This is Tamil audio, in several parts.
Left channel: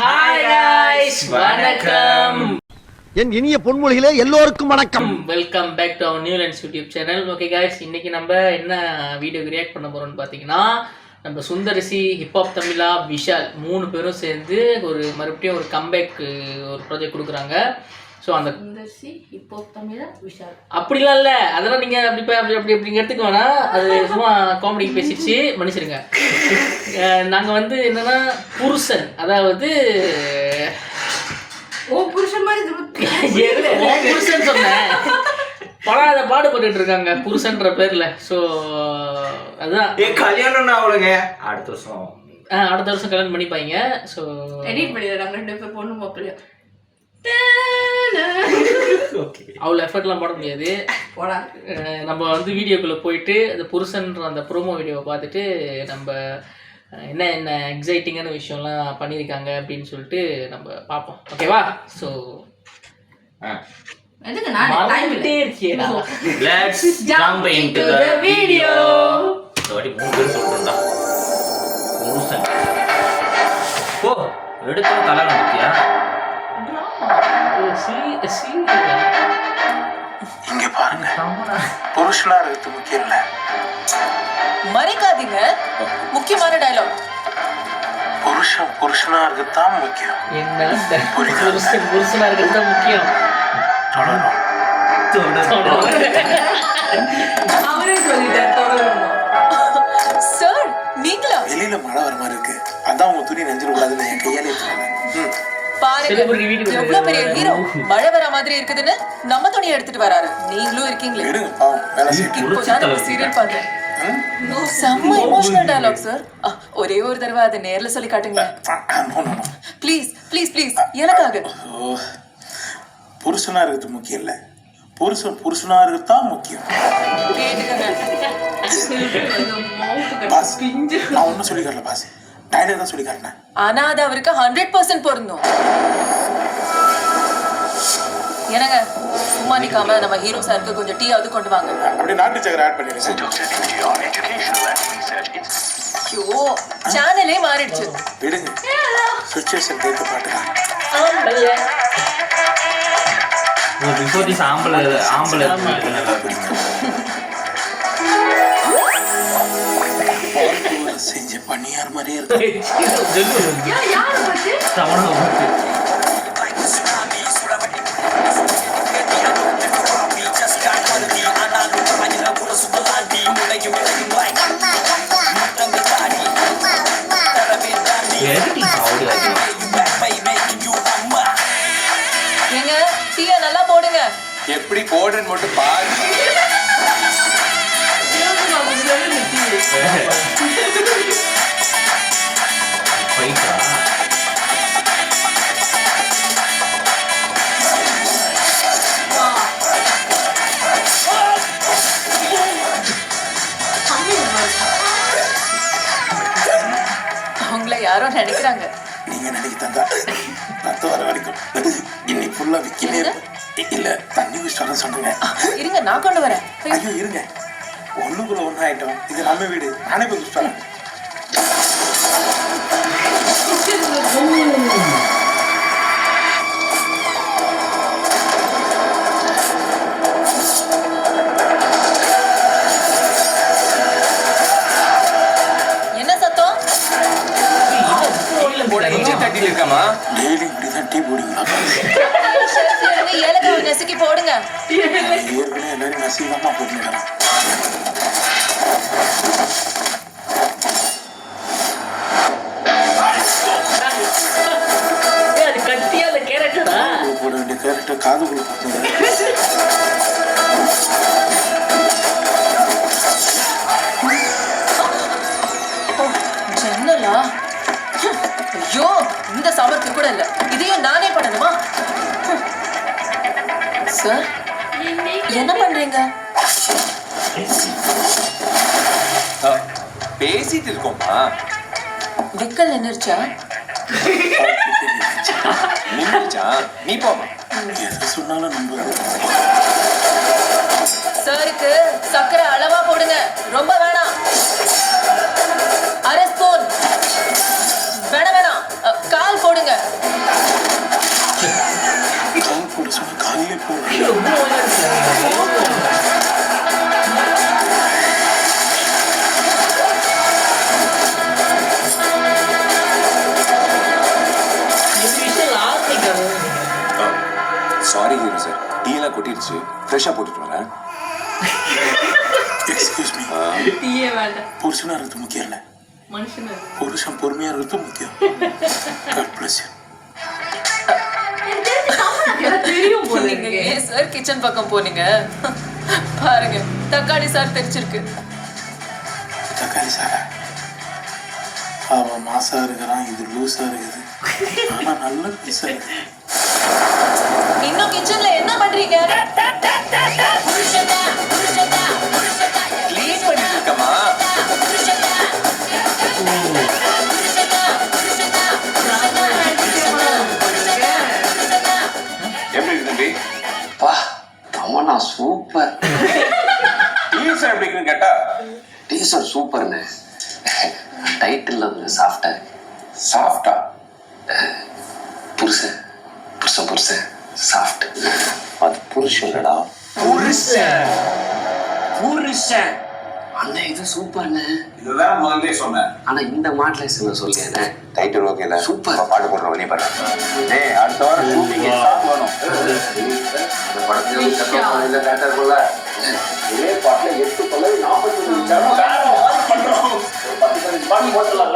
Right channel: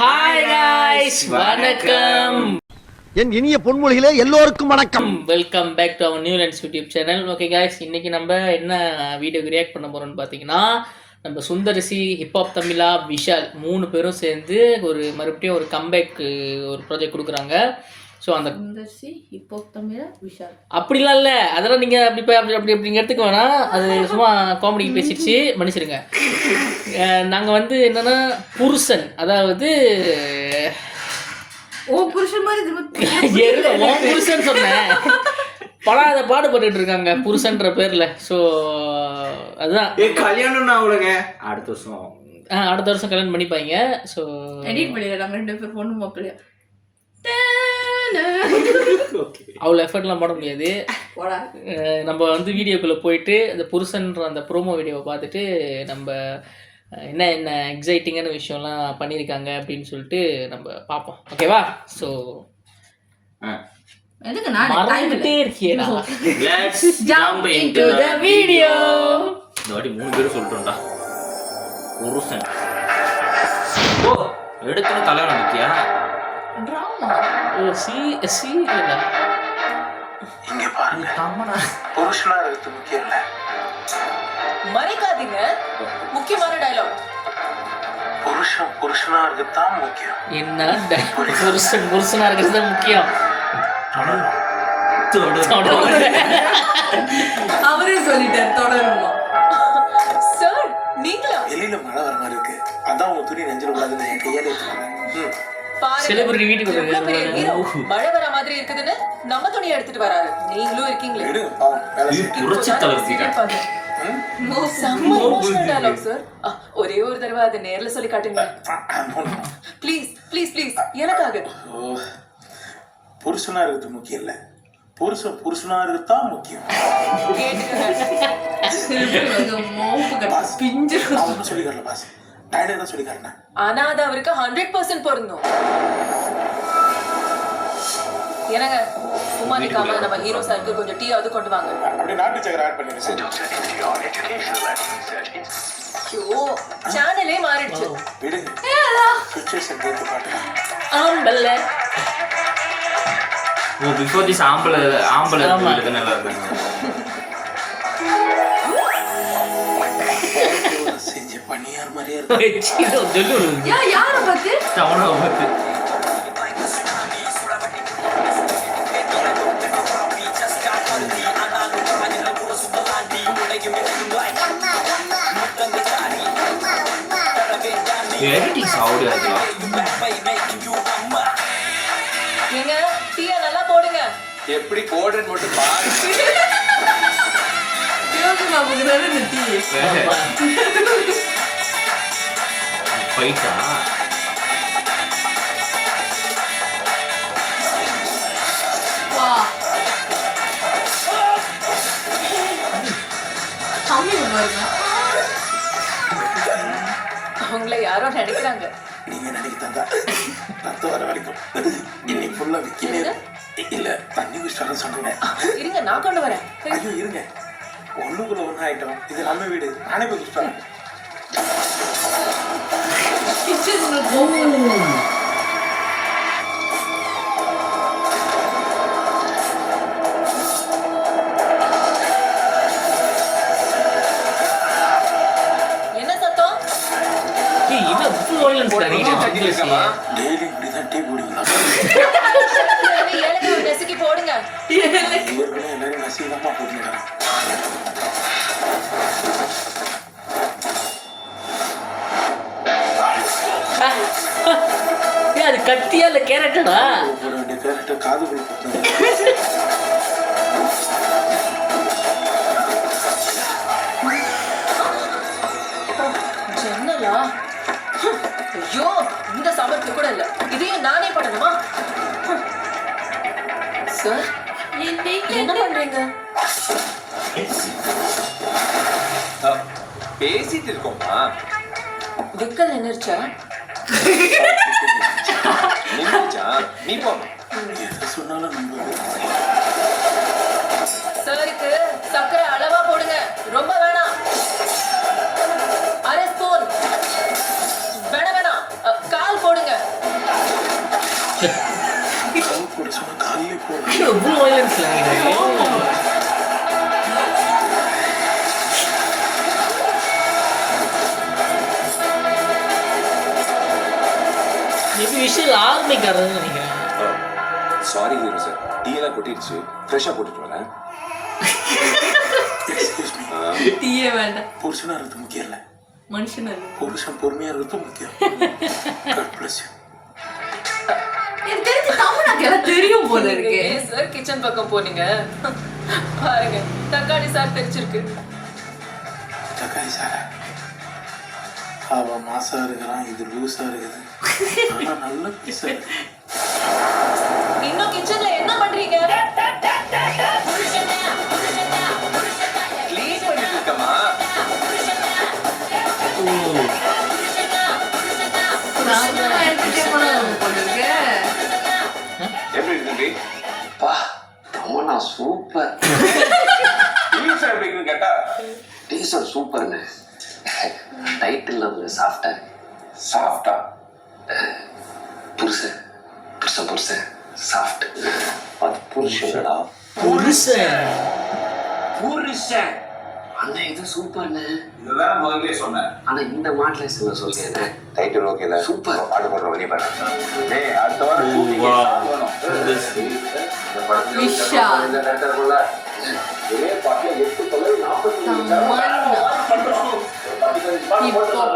ஹாய் गाइस வணக்கம். என் இனிய பொன்மொழிகளே எல்லோருக்கும் வணக்கம். Welcome back to our new lens YouTube channel. Okay guys, இன்னைக்கு நம்ம என்ன வீடியோக்கு ரியாக்ட் பண்ண போறோம்னு பார்த்தீங்கன்னா, நம்ம சுந்தரிசி, ஹிப்ஹாப் தமிழா, விஷால் 3 பேரும் சேர்ந்து மறுபடியும் ஒரு கம்பேக் ஒரு ப்ராஜெக்ட் கொடுக்குறாங்க. ஸோ அந்த சுந்தரிசி, ஹிப்ஹாப் தமிழா, விஷால் அப்படிலாம் இல்லை, அதெல்லாம் நீங்கள் அப்படி எடுத்துக்க வேணாம். அது சும்மா காமெடி பேசிடுச்சு, மன்னிச்சிருங்க. நாங்கள் என்னன்னா புருஷன், அதாவது புருஷன் மாதிரி புருஷன் சொன்னேன், படாத பாடுபட்டு இருக்காங்க புருஷன்ற பேர்ல. ஸோ அதுதான் கல்யாணம் அவளுங்க அடுத்த வருஷம் கல்யாணம் பண்ணிப்பாங்க. ஸோ எடிட் பண்ணிடுறாங்க 2 பேர் பொண்ணு மாப்பிள்ளையா. அவ்வளோ எஃபர்ட்லாம் போட முடியாது. நம்ம வீடியோக்குள்ளே போயிட்டு அந்த புருஷன்ற அந்த ப்ரோமோ வீடியோவை பார்த்துட்டு நம்ம என்ன எக்ஸைட்டிங்கான விஷயம்லாம் பண்ணியிருக்காங்க அப்படின்னு சொல்லிட்டு நம்ம பார்ப்போம். ஓகேவா? ஸோ மறந்துட்டே இருக்கியேடா. Let's jump into the video. இந்த வாட்டி 3 பேர் சொல்றேன்டா. புருஷன் ஓ எடுத்து கல்யாணம் முக்கியா? இங்க பாருங்க, புருஷனா இருக்கிறது முக்கியம் இல்ல. மறைக்காதீங்க, முக்கியமான டயலாக். புருஷனா இருக்கிறது தான் முக்கியம். என்ன புருஷனா இருக்கிறது தான் முக்கியம். அவரே சொல்லிட்டார் தொடரணும். சார் நீங்களா? வெளியில மழை வர மாதிரி இருக்கு, அதான் உங்க துணி நெஞ்சிட கூடாதுன்னு என் கையாலே எடுத்துருக்கேன். எவ்வளவு பெரிய ஹீரோ மழை வர மாதிரி இருக்குதுன்னு நம்ம துணியை எடுத்துட்டு வராரு. நீங்களும் இருக்கீங்களே. எடுங்க பாவம், வேலை செய்யுங்க. செம்ம எமோஷனல் டயலாக் சார். ஒரே ஒரு தடவை அதை நேர்ல சொல்லி காட்டுங்க ப்ளீஸ் ப்ளீஸ் ப்ளீஸ், எனக்காக. புருஷனா இருக்கிறது முக்கியம் இல்ல, புருஷனா இருக்கிறது தான் முக்கியம். நான் ஒன்னும் சொல்லி காட்டல பாஸ், டைலர் தான் சொல்லி காட்டினேன். ஆனா அது அவருக்கு 100% பொருந்தும். என்னங்க சும்மா நிக்காம நம்ம ஹீரோ சாருக்கு கொஞ்சம் டீ அது கொண்டு வாங்க. அப்படியே நாட்டு சக்கரை ஆட் பண்ணிடுங்க. ஐயோ சேனலே மாறிடுச்சு. விடுங்க, சிச்சுவேஷன் கேட்க பாட்டுங்க. பிஃபோர் திஸ் ஆம்பளை இருக்கு நல்லா இருக்காங்க. செஞ்ச பண்ணியார் மாதிரியே இருக்கு. யாரை பத்தி? தமிழை பத்தி. ஏங்க டீயை நல்லா போடுங்க. எப்படி போடுன்னு மட்டும் பாரு. போயிட்டா அவங்கள யாரோ நினைக்கிறாங்க. நீங்க நினைக்கிட்டாங்க ரத்தம் வர வரைக்கும் இன்னைக்கு ஃபுல்லா விக்கினே இல்ல, தண்ணி குடிச்சாலும் சொல்லுங்க. இருங்க நான் கொண்டு வரேன். ஐயோ இருங்க, ஒண்ணுக்குள்ள ஒண்ணு ஆயிட்டோம். இது நம்ம வீடு, நானே போய் குடிச்சாலும். என்ன சத்தம்? டெய்லி இப்படிதான் டீ போடுவீங்களா? ஏலக்காய் நசுக்கி போடுங்க. ஏற்கனவே எல்லாரும் நசீகமா போட்டுடலாம். அது கட்டியா இல்ல கேரட்டா? போட வேண்டிய கேரட்டை காதுக்குள்ள போட்டு ஜன்னலா? ஐயோ இந்த சாமர்த்தியம் கூட இல்ல. இதையும் நானே பண்ணணுமா? சார் என்ன பண்றீங்க? பேசிட்டு இருக்கோமா? விக்கல் நின்னுச்சா? நீ போமா. எது சொன்னாலும் நம்புறது. சாருக்கு சக்கரை அளவா போடுங்க, ரொம்ப வேணாம். அரை ஸ்பூன். வேணாம் வேணாம், கால் போடுங்க. காமெடிக்காரர் நினைக்கிறேன். சாரி ஹீரோ சார், டீ எல்லாம் கொட்டிடுச்சு, ஃப்ரெஷ்ஷாக போட்டுட்டு வரேன். Excuse me. டீயே வேண்டாம். புருஷனா இருக்கிறது முக்கியம் இல்லை, மனுஷன் அது. புருஷன் பொறுமையா இருக்கிறது முக்கியம். God bless you. எனக்கு தெரிஞ்சு தமிழாக்கு எல்லாம் தெரியும் போல நீங்க இருக்கு. ஏன் சார் கிச்சன் பக்கம் போனீங்க? பாருங்க தக்காளி சார் தெரிச்சிருக்கு. தக்காளி சாரா? அவன் மாசா இருக்கிறான், இது லூஸா இருக்குது. ஆனா நல்ல பீஸா இருக்கு. இன்னும் கிச்சன்ல என்ன பண்றீங்க? க்ளீன் பண்ணிட்டு இருக்கமா? எப்படி இருக்கு தம்பி? பா தமன்னா சூப்பர். டீசர் எப்படி இருக்குன்னு கேட்டா டீசர் சூப்பர்ண்ணே. டைட்டில் கொஞ்சம் சாஃப்டா இருக்கு. சாஃப்டா. புருஷன் புருஷன் புருஷன் சாஃப்ட். அது புருஷன்டா. புருஷன். புருஷன். அண்ணா இது சூப்பர்ண்ணே. இதுதான் முதல்ல சொன்னேன். ஆனா இந்த மாடலேஷன் சொல்றேன். டைட்டில் ஓகே தான். சூப்பர். பாட்டு போடுற வழி பாரு. டேய் அடுத்த வாரம் ஷூட்டிங் போகணும். இந்த படத்துல விஷா. இந்த டேட்டர்ல ஒரே பாட்டுல 8 பல்லவி 40 நிமிஷம் பண்றோம். 10 பாட்டு போட்டுறலாம்.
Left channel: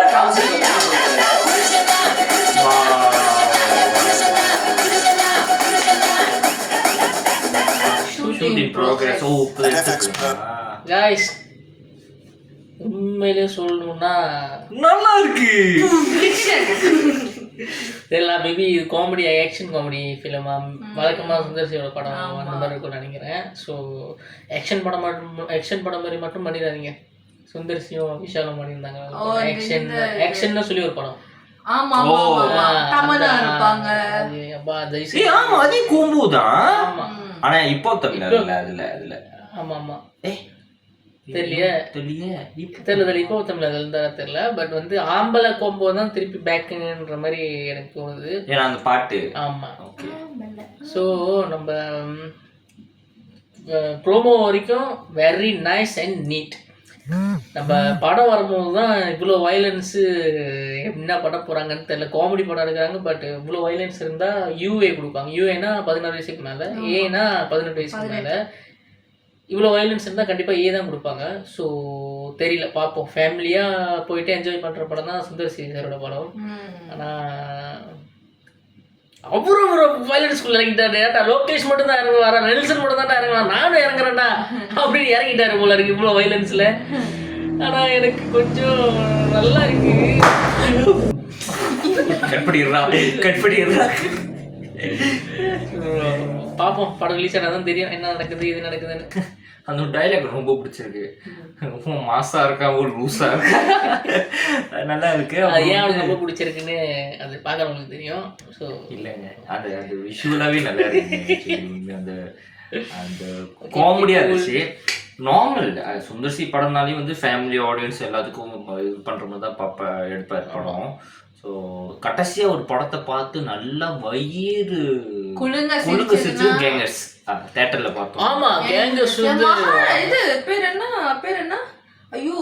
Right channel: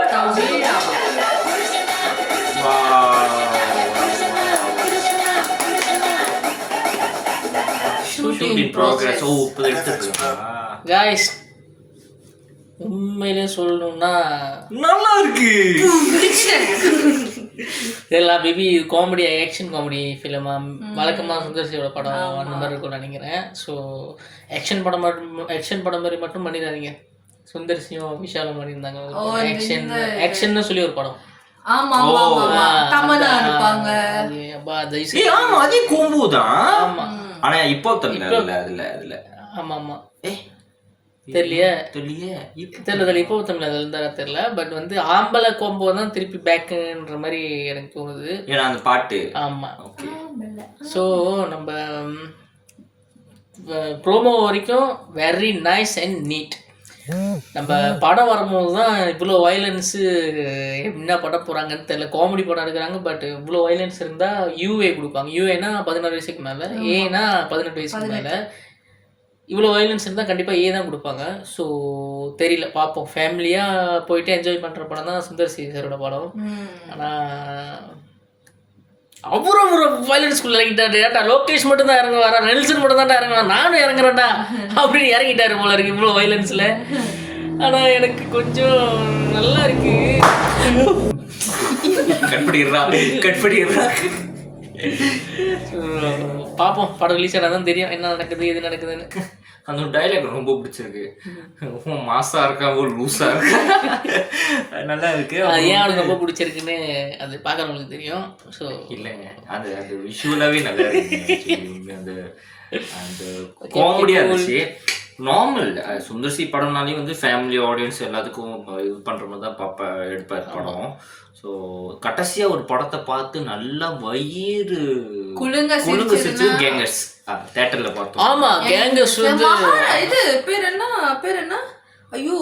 Shooting progress. ஓ இப்போ எடுத்துக்கலாம். காய்ஸ் உண்மையிலே சொல்லணும்னா நல்லா இருக்கு. இதெல்லாம் மேபி இது காமெடி, ஆக்ஷன் காமெடி ஃபிலிமா வழக்கமாக சுந்தர்சியோட படம் அந்த மாதிரி இருக்கும்னு நினைக்கிறேன். ஸோ ஆக்ஷன் படம் மாதிரி மட்டும் பண்ணிடாதீங்க. சுந்தர்சியும் விஷாலும் பண்ணியிருந்தாங்க ஆக்ஷன்னு சொல்லி ஒரு படம். ஆமா ஆமா ஆமா. தமன்னா இருப்பாங்க. ஆமா அதே கோம்பு தான். ஆனா இப்போ தெரியல அதுல. ஆமா ஆமா. ஏய் தெரியலையே தெரியல தெரியல இப்போ தமிழ் அதில் இருந்தால் தெரியல. பட் வந்து ஆம்பளை கோம்போ தான் திருப்பி பேக்குன்ற மாதிரி எனக்கு தோணுது. ஏன்னா அந்த பாட்டு. ஆமாம். ஓகே. ஸோ நம்ம ப்ரோமோ வரைக்கும் வெரி நைஸ் அண்ட் நீட். நம்ம படம் வரும்போது தான் இவ்வளோ வயலன்ஸு என்ன பண்ண போகிறாங்கன்னு தெரியல. காமெடி படம் எடுக்கிறாங்க, பட் இவ்வளோ வயலன்ஸ் இருந்தால் யூஏ கொடுப்பாங்க. யூஏனா 16 வயசுக்கு மேலே, ஏனா 18 வயசுக்கு மேலே. இவ்வளோ வயலன்ஸ் இருந்தால் கண்டிப்பாக ஏ தான் கொடுப்பாங்க. ஸோ தெரியல, பார்ப்போம். ஃபேமிலியாக போயிட்டு என்ஜாய் பண்ணுற படம் தான் சுந்தர் சி சாரோட படம். ஆனால் அப்புறம் வயலன்ஸ்குள்ளே இறங்கிட்டாரு. லோகேஷ் மட்டும் தான் இறங்குவாரா, நெல்சன் மட்டும் தான் இறங்குவாரா, நானும் இறங்குறேன்டா அப்படின்னு இறங்கிட்டாரு போல இருக்கு இவ்வளோ வயலன்ஸில். ஆனால் எனக்கு கொஞ்சம் நல்லா இருக்கு. கட்படிடுறா. பார்ப்போம், படம் ரிலீஸ் ஆனால் தான் தெரியும் என்ன நடக்குது எது நடக்குதுன்னு. அந்த டைலாக் ரொம்ப பிடிச்சிருக்கு. மாசா இருக்கா ஒரு லூஸா இருக்கா, நல்லா இருக்கு. அது ஏன் அவனுக்கு ரொம்ப பிடிச்சிருக்குன்னு அது பார்க்குறவங்களுக்கு தெரியும். ஸோ இல்லைங்க, அது விஷுவலாகவே நல்லா இருக்கு. அந்த அந்த காமெடியாக இருந்துச்சு. நார்மல் சுந்தர்சி படம்னாலே வந்து ஃபேமிலி ஆடியன்ஸ் எல்லாத்துக்கும் இது பண்ணுற மாதிரி தான் எடுப்பார் படம். ஸோ கடைசியாக ஒரு படத்தை பார்த்து நல்லா வயிறு குலுங்க சிரிச்சு கேங்கர்ஸ் தியேட்டரில் பார்த்தோம். ஆமாம், கேங்கர்ஸ் வந்து இது பேர் என்ன ஐயோ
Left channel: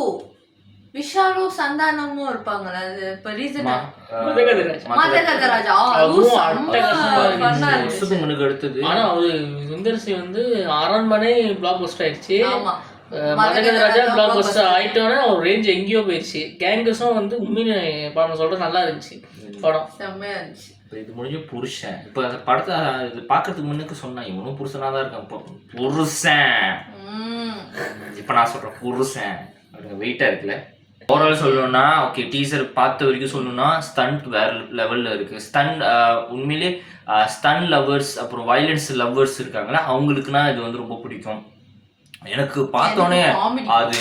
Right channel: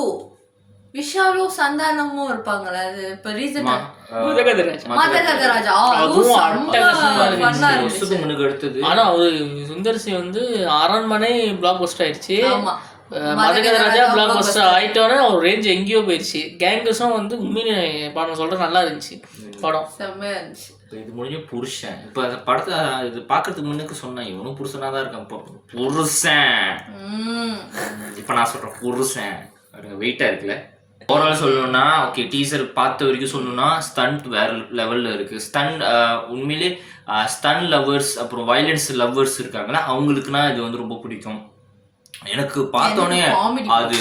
விஷாலும் சந்தானமும் இருப்பாங்களே. அது இப்போ ரீசெண்டா மதகதராஜா வருஷத்துக்கு முன்னுக்கு எடுத்தது. ஆனால் அவர் சுந்தர்சி வந்து அரண்மனை பிளாக் பஸ்டர் ஆயிடுச்சு. மதகதராஜா பிளாக் பஸ்டர் ஆயிட்டோன்னே அவர் ரேஞ்ச் எங்கேயோ போயிடுச்சு. கேங்கர்ஸும் வந்து உண்மையிலே படம் சொல்கிறேன் நல்லா இருந்துச்சு படம், செம்மையா இருந்துச்சு. இது முடிஞ்ச புருஷன். இப்போ அந்த படத்தை இது பார்க்கறதுக்கு முன்னுக்கு சொன்னேன் இவனும் புருஷனாக தான் இருக்கான். இப்போ புருஷன், இப்போ நான் சொல்கிறேன் புருஷன் வெயிட்டாக இருக்குல்ல. ஓவரால் சொல்லணும்னா ஓகே, டீசர் பார்த்த வரைக்கும் சொல்லணும்னா ஸ்டண்ட் வேறு லெவலில் இருக்குது. உண்மையிலே ஸ்டன் லவ்வர்ஸ் அப்புறம் வயலன்ஸ் லவ்வர்ஸ் இருக்காங்களா, அவங்களுக்குனா இது வந்து ரொம்ப பிடிக்கும். எனக்கு பார்த்தோன்னே அது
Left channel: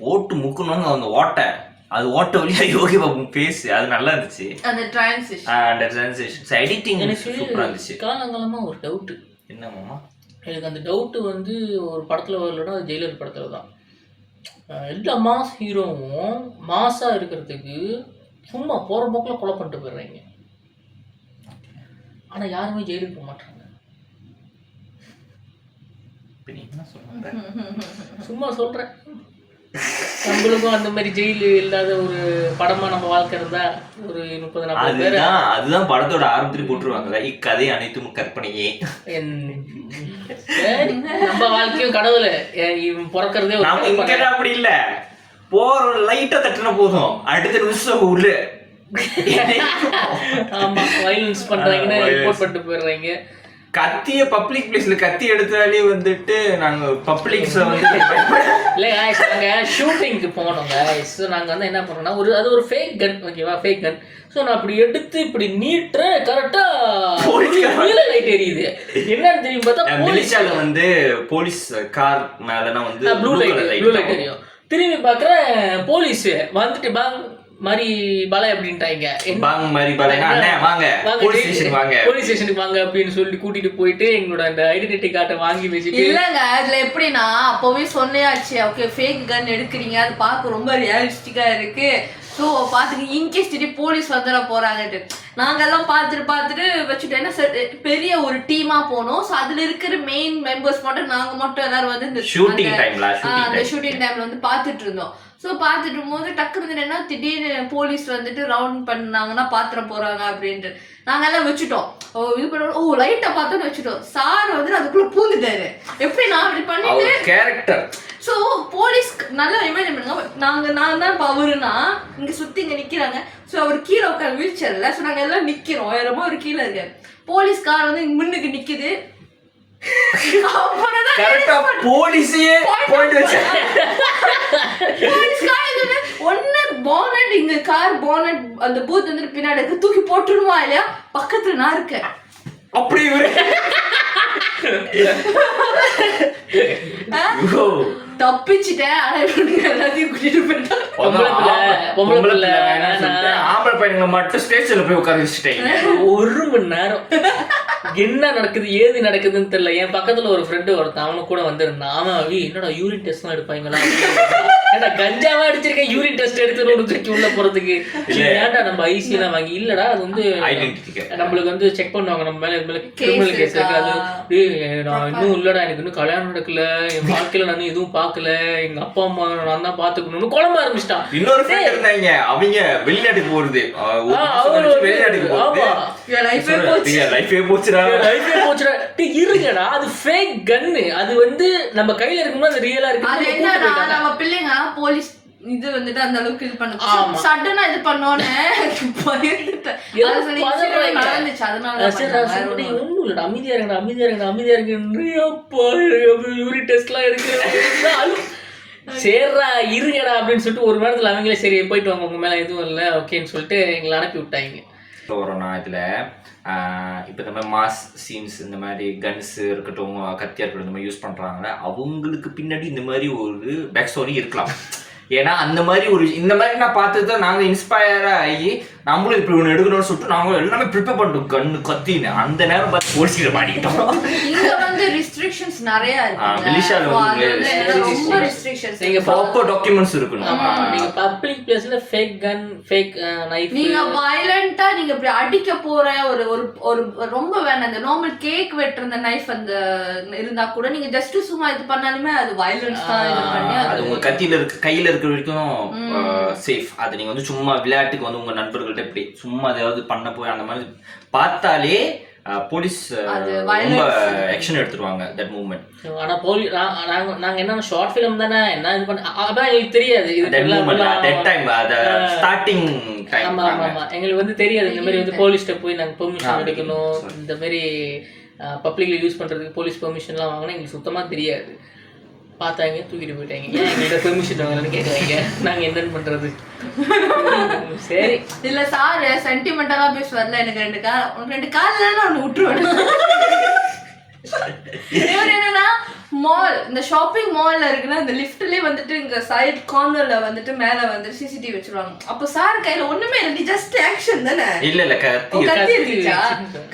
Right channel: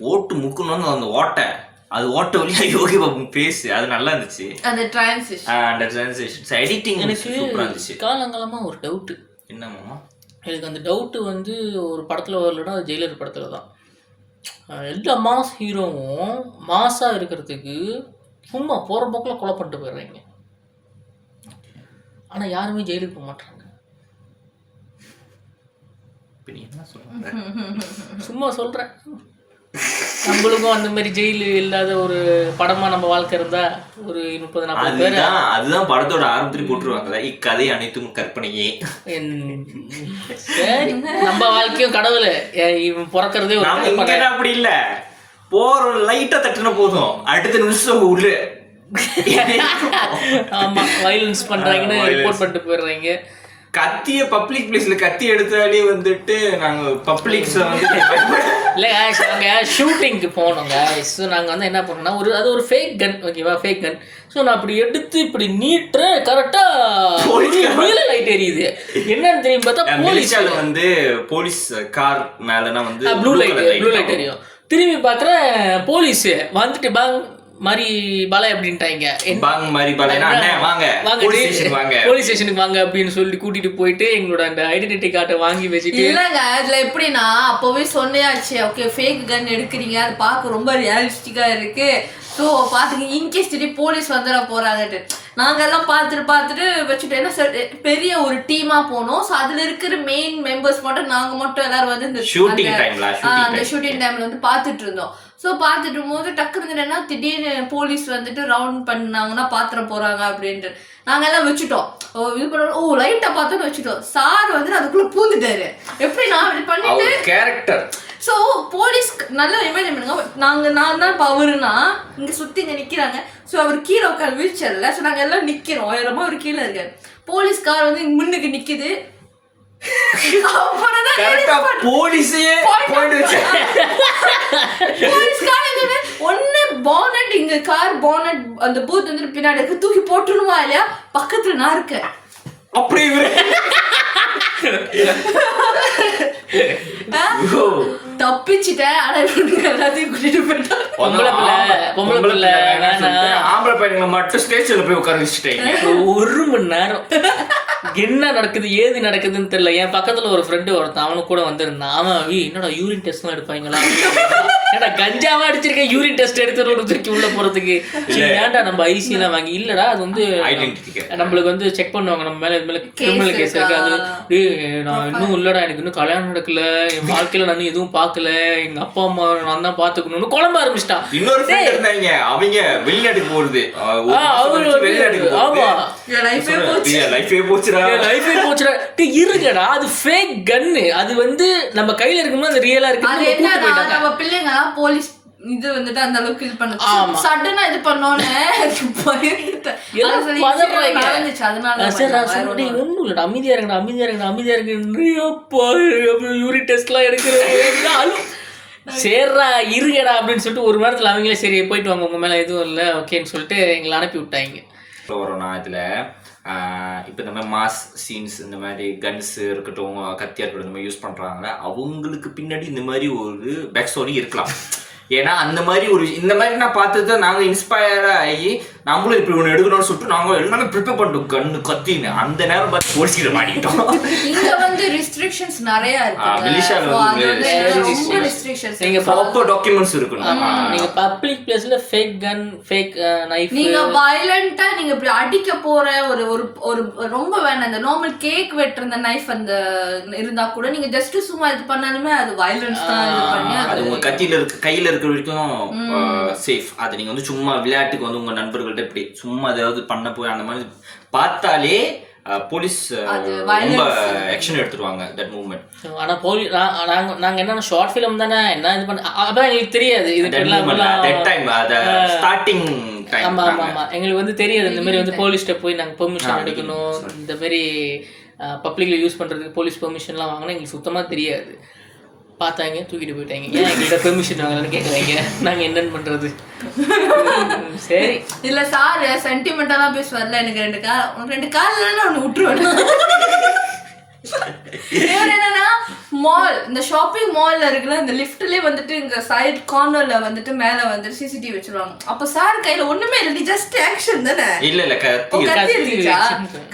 போட்டு முக்கணும்னு அந்த ஓட்டை வழியாக யோகி பாபு பேசு அது நல்லா இருந்துச்சு. அந்த டிரான்ஸ்லேஷன் எடிட்டிங் சூப்பராக இருந்துச்சு. காலங்காலமாக ஒரு டவுட்டு என்னம்மா, எனக்கு அந்த டவுட்டு வந்து ஒரு படத்தில் வரலன்னா அது ஜெயிலர் படத்தில் தான். எல்லா மாஸ் ஹீரோவும் மாஸாக இருக்கிறதுக்கு சும்மா போகிற போக்கில் கொலை பண்ணிட்டு போயிடுறாங்க. ஆனால் யாருமே ஜெயிலுக்கு போக மாட்டாங்க. சும்மா சும்மா சொல்கிறேன், நம்மளுக்கும் அந்த மாதிரி ஜெயிலு இல்லாத ஒரு படமா நம்ம வாழ்க்கை இருந்தா ஒரு 30-40 பேர். அதுதான் படத்தோட ஆரம்பத்தில் போட்டுருவாங்கல்ல, இக்கதை அனைத்தும் கற்பனையே. சரி, நம்ம வாழ்க்கையும் கடவுள் இவன் பிறக்கிறதே அப்படி இல்ல, போற லைட்டா தட்டுன போதும் அடுத்த நிமிஷம் உள்ள ஆமா வயலன்ஸ் பண்றாங்கன்னு ரிப்போர்ட் பண்ணிட்டு போயிடுறாங்க. கத்திய பப்ளிக் பிளேஸ்ல கத்தி எடுத்தாலே வந்துட்டு நாங்க பப்ளிக்ஸ்ல வந்து இல்லை நாங்கள் ஷூட்டிங்க்கு போனோங்க. ஸோ நாங்கள் வந்து என்ன பண்ணோம்னா அது ஒரு ஃபேக் கன், ஓகேவா, ஃபேக் கன். ஸோ நான் அப்படி எடுத்து இப்படி நீட்டுறேன், கரெக்டாக லைட் எரியுது. என்னன்னு தெரியும் பார்த்தா மலேசியால வந்து போலீஸ் கார் மேலனா வந்து ப்ளூ லைட் எரியும். திரும்பி பார்க்குறேன் போலீஸ் வந்துட்டு பேங் மாதிரி பல அப்படின்ட்டாங்க. போலீஸ் ஸ்டேஷனுக்கு வாங்க அப்படின்னு சொல்லி கூட்டிட்டு போயிட்டு எங்களோட அந்த ஐடென்டிட்டி கார்டை வாங்கி வச்சுட்டு. இல்லங்க அதுல எப்படின்னா அப்பவே சொன்னையாச்சு, ஓகே ஃபேக் கன் எடுக்கிறீங்க, அது பார்க்க ரொம்ப ரியலிஸ்டிக்கா இருக்கு, ஸோ பார்த்துங்க இன்கேஸ் திடீர் போலீஸ் வந்துட போறாங்கட்டு நாங்கெல்லாம் பார்த்துட்டு வச்சுட்டோம். ஏன்னா பெரிய ஒரு டீமா போனோம். ஸோ அதுல இருக்கிற மெயின் மெம்பர்ஸ் மட்டும் நாங்க மட்டும் எல்லாரும் வந்து இந்த ஷூட்டிங் டைம்ல வந்து பார்த்துட்டு இருந்தோம். ஸோ பார்த்துட்டு இருக்கும்போது டக்குனு என்னன்னா திடீர்னு போலீஸ் வந்துட்டு ரவுண்ட் பண்ணாங்கன்னா பாத்திர போறாங்க அப்படின்ட்டு நாங்க எல்லாம் வச்சுட்டோம். இது பண்ண லைட்டா பார்த்தோன்னு வச்சுட்டோம். சார் வந்து அதுக்குள்ள பூந்துட்டாரு. எப்படி நான் அப்படி பண்ணிட்டு கேரக்டர். ஸோ போலீஸ் நல்லா இமேஜின் பண்ணுங்க, நான் தான் அவருனா இங்க சுத்தி இங்க நிக்கிறாங்க. ஸோ அவர் கீழே உட்காந்து வீழ்ச்சர்ல. ஸோ நாங்க எல்லாம் நிக்கிறோம், உயரமா ஒரு கீழே இருக்காரு. போலீஸ் கார் வந்து முன்னுக்கு நிக்குது. அந்த பூத் வந்து பின்னாடி தூக்கி போட்டுருமா இல்லையா, பக்கத்துல நான் இருக்கேன். அப்படி தப்பிச்சுட்டேன். ஆனா எல்லாத்தையும் கூட்டிட்டு போயிட்டேன். ஆம்பளை பையன்களை மட்டும் ஸ்டேஷன்ல போய் உட்கார வச்சுட்டேன். 1 மணி நேரம் என்ன நடக்குது ஏது நடக்குதுன்னு தெரியல. என் பக்கத்துல ஒரு ஃப்ரெண்டு ஒருத்தன் அவனு கூட வந்திருந்தான். அவன் என்னடா யூரின் டெஸ்ட் தான் எடுப்பாங்களா, ஏன்னா கஞ்சாவா அடிச்சிருக்கேன் யூரின் டெஸ்ட் எடுத்து உள்ள போறதுக்கு. ஏன்டா நம்ம ஐசி எல்லாம் வாங்கி இல்லடா, அது வந்து நம்மளுக்கு வந்து செக் பண்ணுவாங்க நம்ம மேல கிரிமினல் கேஸ் இருக்கு. அது நான் இன்னும் இல்லடா, எனக்கு இன்னும் கல்யாணம் நடக்கல, என் வாழ்க்கையில நான் எதுவும் பார்க்கல, எங்க அப்பா அம்மா நான் தான் பாத்துக்கணும்னு குழம்ப ஆரம்பிச்சிட்டான். இன்னொரு ஃப்ரெண்ட் இருந்தாங்க, அவங்க வெளிநாட்டுக்கு போறது, இருங்கடா அது ஃபேக் கன்னு. அது வந்து நம்ம கையில இருக்கும்போது அது ரியலா இருக்கு. நம்ம பிள்ளைங்க போலீஸ் இது வந்துட்டு அந்த அளவுக்கு இது பண்ண சடனா இது பண்ணோன்னு ஒண்ணும் இல்ல, அமைதியா இருக்கு யூரின் டெஸ்ட் எல்லாம் எடுக்கிறேன். சரிடா இருங்கடா அப்படின்னு சொல்லிட்டு ஒரு நேரத்துல அவங்களே சரி போயிட்டு வாங்க, உங்க மேல எதுவும் இல்லை ஓகேன்னு சொல்லிட்டு எங்களை அனுப்பி விட்டாங்க. வரோம்னா இதில் இப்போ இந்த மாதிரி மாஸ் சீன்ஸ், இந்த மாதிரி கன்ஸ் இருக்கட்டும், கத்தியா இருக்கட்டும், இந்த மாதிரி யூஸ் பண்ணுறாங்களே, அவங்களுக்கு பின்னாடி இந்த மாதிரி ஒரு பேக் ஸ்டோரி இருக்கலாம். ஏன்னா அந்த மாதிரி இந்த மாதிரி நான் பார்த்து தான் நாங்கள் இன்ஸ்பயராக ஆகி நம்மளும் இப்படி ஒன்று எடுக்கணும்னு சொல்லிட்டு நாங்கள் எல்லாமே ப்ரிப்பேர் பண்ணிட்டோம். கண்ணு கத்தின்னு அந்த நேரம் பார்த்து போலீஸ்கிட்ட மாட்டிக்கிட்டோம். இங்க வந்து ரெஸ்ட்ரிக்ஷன்ஸ் நிறைய இருக்கு. மலேசியால வந்து ரொம்ப ரெஸ்ட்ரிக்ஷன்ஸ். நீங்க ப்ராப்பர் டாக்குமெண்ட்ஸ் இருக்கணும். நீங்க பப்ளிக் பிளேஸ்ல ஃபேக் கன், ஃபேக் நைஃப், நீங்க வயலண்டா நீங்க இப்படி அடிக்க போற ஒரு ரொம்ப வேண்டாம். அந்த நார்மல் கேக் வெட்டுற அந்த நைஃப் அந்த இருந்தா கூட நீங்க ஜஸ்ட் சும்மா இது பண்ணாலுமே அது வயலன்ஸ் தான். இது பண்ணி அது உங்க கையில இருக்கிற வரைக்கும் சேஃப். அது நீங்க வந்து சும்மா விளையாட்டுக்கு வந்து உங்க நண்பர்கள்ட்ட இப்படி சும்மா ஏதாவது பண்ண போய் அந்த மாதிரி பார்த்தாலே போலீஸ் ரொம்ப ஆக்ஷன் எடுத்துருவாங்க தட் மூவ்மெண்ட். ஆனா நாங்க என்ன ஷார்ட் ஃபிலிம் தானே என்ன இது பண்ண அப்ப எங்களுக்கு தெரியாது. இது தட் டைம் அத ஸ்டார்டிங் டைம். ஆமா எங்களுக்கு வந்து தெரியாது இந்த மாதிரி வந்து போலீஸ்ட்ட போய் நாங்க பெர்மிஷன் எடுக்கணும், இந்த மாதிரி பப்ளிக்ல யூஸ் பண்றதுக்கு போலீஸ் பெர்மிஷன்லாம் வாங்கணும் எங்களுக்கு சுத்தமா தெரியாது. பார்த்தாங்க தூக்கிட்டு போயிட்டாங்க. ஏன் எங்கள்கிட்ட பெர்மிஷன் வாங்கலான்னு கேட்குறாங்க. நாங்கள் என்னன்னு பண்ணுறது. சரி இல்லை சார் சென்டிமெண்டலாக பேசுவார்ல, எனக்கு 2 காலில் ஒன்று விட்டுருவேன். என்னன்னா மால், இந்த ஷாப்பிங் மால்ல இருக்குல்ல, இந்த லிஃப்ட்லயே வந்துட்டு இங்க சைட் கார்னர்ல வந்துட்டு மேல வந்துட்டு சிசிடிவி வச்சிருவாங்க. அப்ப சார் கையில ஒண்ணுமே இல்லை, ஜஸ்ட் ஆக்ஷன் தானே. இல்ல கத்தி இருந்துச்சா?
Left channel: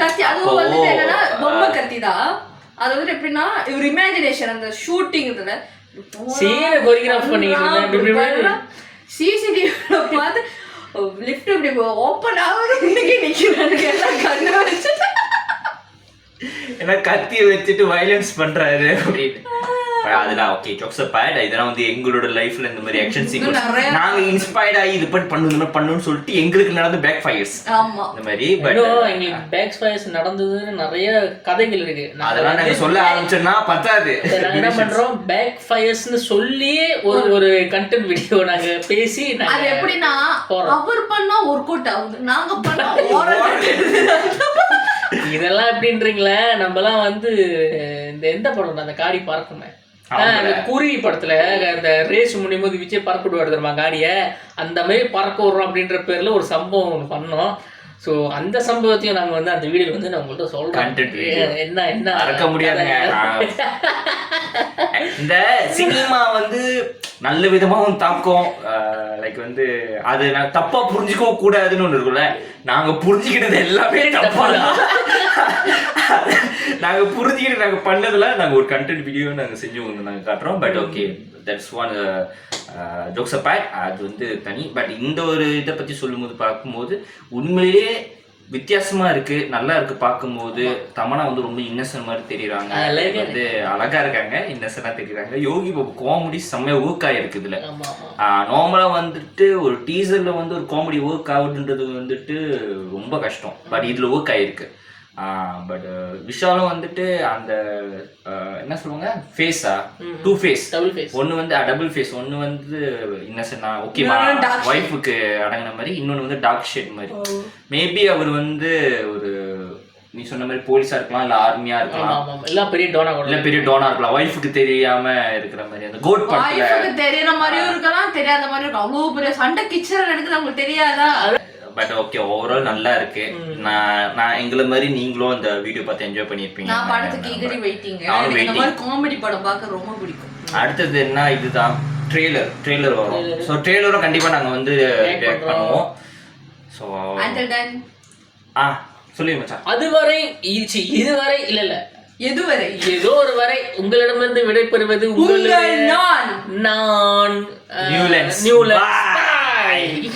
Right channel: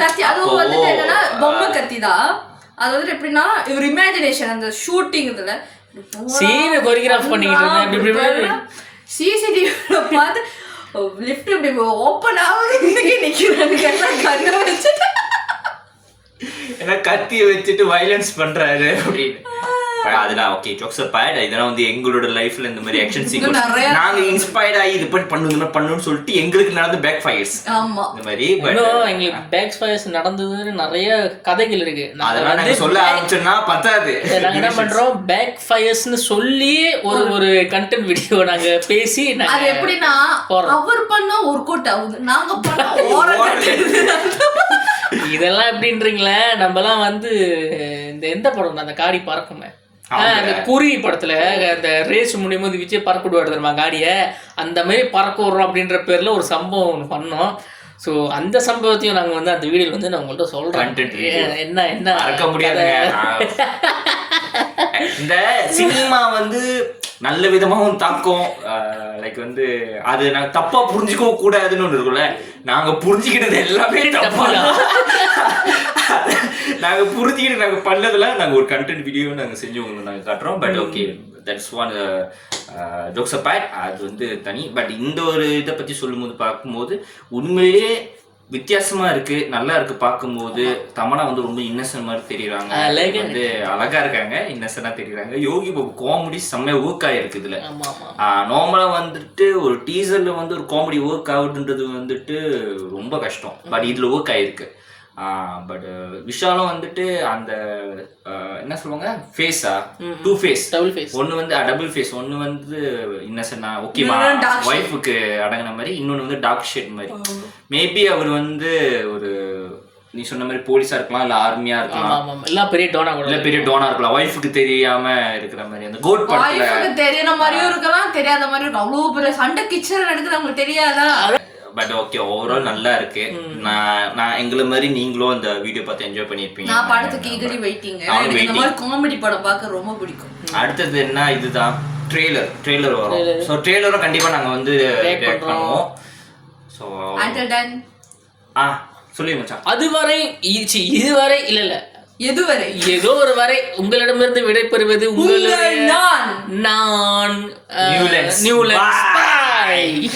கத்தி அதுவும் வந்துட்டு என்னன்னா பொம்மை கத்தி தான். அது வந்து எப்படின்னா ஒரு இமேஜினேஷன் அந்த ஷூட்டிங் இதுல சீனை கோரியோகிராஃப் பண்ணிக்கிட்டு சிசிடிவில பார்த்து லிஃப்ட் இப்படி ஓப்பன் ஆகுது, நிக்கிறாங்க எல்லாம் கண்ணு வச்சுட்டு ஏன்னா கத்தியை வச்சுட்டு வயலன்ஸ் பண்றாரு அப்படின்னு. அதெல்லாம் ஓகே ஜோக்ஸ் அப்பார்ட். இதெல்லாம் வந்து எங்களோட லைஃப்ல இந்த மாதிரி ஆக்ஷன் சீக்வன்ஸ் நிறைய- நாங்க இன்ஸ்பயர்ட் ஆகி இது பண்ணணும் இந்த மாதிரி பண்ணணும்னு சொல்லிட்டு எங்களுக்கு நடந்த பேக் ஃபயர்ஸ் ஆமா இந்த மாதிரி. பட் இன்னும் எங்களுக்கு பேக் ஃபயர்ஸ் நடந்ததுன்னு நிறைய கதைகள் இருக்கு. அதெல்லாம் நாங்க சொல்ல ஆரம்பிச்சோம்னா பத்தாது. நாங்க என்ன பண்றோம், பேக் ஃபயர்ஸ்னு சொல்லி ஒரு கண்டென்ட் வீடியோ நாங்க பேசி அது எப்படின்னா போறோம். அவர் பண்ணா ஒர்க் அவுட் ஆகுது, நாங்க பண்ணா இதெல்லாம் எப்படின்றீங்களே, நம்மலாம் வந்து இந்த எந்த படம் அந்த காடி பறக்குமே, அந்த குறி படத்துல அந்த ரேஸ் முடியும் போது விஜய் பறக்க விடுவாரு தெரியுமா காடியை, அந்த மாதிரி பறக்க விடுறோம் அப்படின்ற பேர்ல ஒரு சம்பவம் ஒன்று பண்ணோம். ஸோ அந்த சம்பவத்தையும் நாங்கள் வந்து அந்த வீடியோவில் வந்து நான் உங்கள்கிட்ட சொல்கிறேன். என்ன மறக்க முடியாதுங்க. இந்த சினிமா வந்து நல்ல விதமாகவும் தாக்கம், லைக் வந்து அது நான் தப்பா புரிஞ்சுக்கவும் கூடாதுன்னு ஒன்று இருக்குல்ல. நாங்க புரிஞ்சுக்கிட்டது எல்லாமே தப்பா, நாங்க புரிஞ்சுக்கிட்டு நாங்க பண்ணதுல நாங்க ஒரு கண்டென்ட் வீடியோ நாங்க செஞ்சு உங்களுக்கு நாங்க காட்டுறோம். But okay, that's one jokes apart. அது வந்து தனி. பட் இந்த ஒரு இதை பத்தி சொல்லும்போது பார்க்கும்போது உண்மையிலேயே வித்தியாசமா இருக்கு, நல்லா இருக்கு பார்க்கும்போது. தமனா வந்து ரொம்ப இன்னசென்ட் மாதிரி தெரியுறாங்க, வந்து அழகா இருக்காங்க, இன்னசென்டா தெரியுறாங்க. யோகி பாபு காமெடி செம்மையா ஒர்க் ஆயிருக்கு இதுல. நார்மலா வந்துட்டு ஒரு டீசர்ல வந்து ஒரு காமெடி ஒர்க் ஆகுதுன்றது வந்துட்டு ரொம்ப கஷ்டம். பட் இதுல ஒர்க் ஆயிருக்கு. பட் விஷாலும் வந்துட்டு அந்த என்ன சொல்லுவாங்க, ஃபேஸா டூ ஃபேஸ், டபுள் ஃபேஸ். ஒன்று வந்து டபுள் ஃபேஸ், ஒன்று வந்து இன்னசென்டா ஓகேவா ஒய்ஃபுக்கு அடங்கின மாதிரி, இன்னொன்று வந்து டார்க் ஷேட் மாதிரி. மேபி அவர் வந்து ஒரு நீ சொன்ன மாதிரி போலீஸா இருக்கலாம், இல்ல ஆர்மியா இருக்கலாம், இல்ல பெரிய டோனா இருக்கலாம், ஒய்ஃபுக்கு தெரியாம இருக்கிற மாதிரி. அந்த கோட் படத்துல தெரியற மாதிரியும் இருக்கலாம், தெரியாத மாதிரி இருக்கும். அவ்வளவு பெரிய சண்டை கிச்சன் நடக்குது, உங்களுக்கு தெரியாதா? பட் ஓகே, ஓவரால் நல்லா இருக்கு. நான் எங்களை மாதிரி நீங்களும் அந்த வீடியோ பார்த்து என்ஜாய் பண்ணிருப்பீங்க. நான் படத்துக்கு ஈகரி வெயிட்டிங். எனக்கு இந்த மாதிரி காமெடி படம் பார்க்க ரொம்ப பிடிக்கும். அடுத்தது என்ன, இதுதான் ட்ரெய்லர் வரும். ஸோ ட்ரெய்லரும் கண்டிப்பா நாங்க வந்து ரியாக்ட் பண்ணுவோம். ஸோ சொல்லி மச்சான், இதுவரை இல்ல எதுவரை ஏதோ ஒரு வரை உங்களிடமிருந்து விடைபெறுவது நான் நியூலன்ஸ்.